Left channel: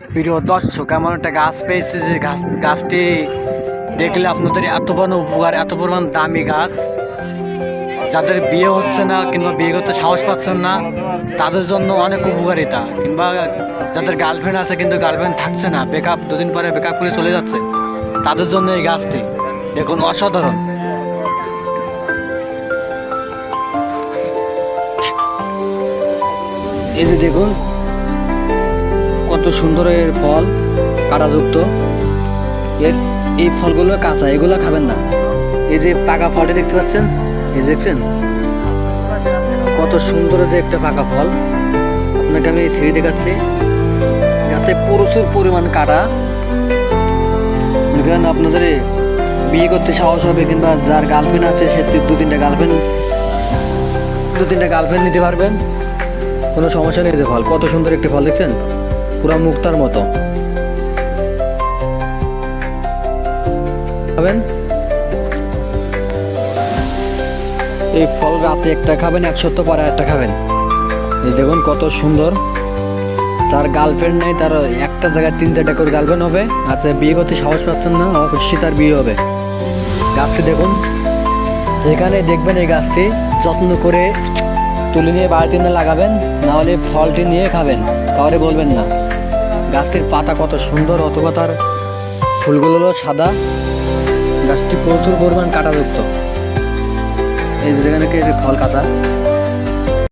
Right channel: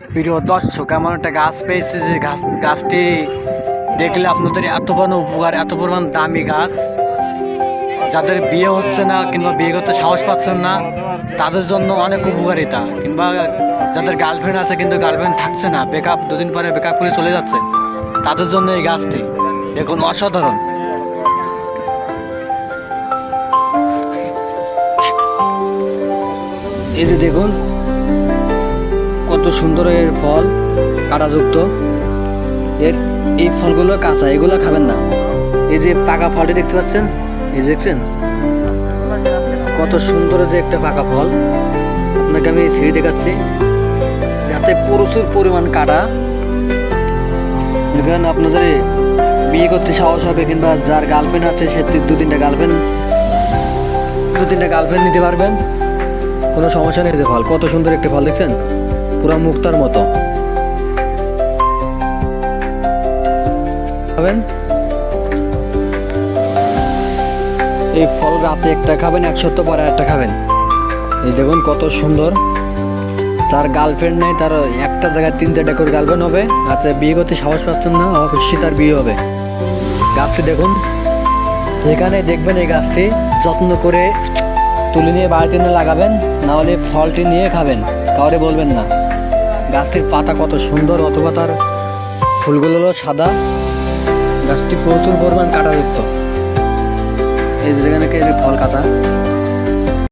প্রিয় দর্শক, এমন একটা গাছ পেয়েছে যে গাছ, গাছটি দেখলে আপনাদের এত বড় উপকার, এত পরিমাণ দামি গাছ। যাদের বিয়ে হচ্ছে না কিংবা বিয়ে করতে সাহস পাচ্ছেন না, তাদের জন্য অনেক উপকারিতা। কিংবা যাদের গার্লফ্রেন্ড আছে কিন্তু গার্লফ্রেন্ড থাকছে না বেকআপ দুদিন পরে বেকআপ করে চলে যাচ্ছে, তাদের জন্য এই গাছটি। দেখুন, অসাধারণ। এই যে দেখুন কত সুন্দর এর ফল কাঁটাযুক্ত। এর এই ফলগুলো কাঁচা, এগুলো খাবেন না। এই যে পাকা ফলটি দেখতে পাচ্ছেন, এই দেখছেন? কত সুন্দর যে একটা পাকা ফল। আপনাকে আমি ছিঁড়ে দেখাচ্ছি। গাছটায় প্রচুর পরিমাণ কাটা। মনে করেন আপনাদের বিয়ে করতে সাহস হবে কিংবা যার গার্লফ্রেন্ড আছে, সে দু তিনটা গার্লফ্রেন্ড দু তিনটা গার্লফ্রেন্ড নিতে পারবেন। কোনো সমস্যা নেই যে ফল। কত সুন্দর একটি ফল, দেখছেন? পুরো মুক্তার মতো। খাবেন? এই ফল রাতে একটা খাবেন, এক সপ্তাহ পরে একটা খাবেন। এই দেখুন কত সুন্দর। তার গার্লফ্রেন্ড নেই, তার একটা জায়গায় তিন চারটা করে গার্লফ্রেন্ড হবে। আচ্ছা বিয়ে করতে সাহস পাচ্ছেন না অবশ্যই তার বিয়ে হবে। গাছটি দেখুন। যেখানে দেখবেন এই গাছটি যত্ন করে তুলে নিয়ে বাড়িতে নিয়ে লাগাবেন, না হলে ফলটি নিয়ে খাবেন, কাউরে বলবেন না। গাছটির পাতা কত সুন্দর, অথবা তার ফুলগুলো হলো সাদা। গাছটি প্রচুর পরিমাণ কাটাযুক্ত। এই যেখানে ফল কাঁচা।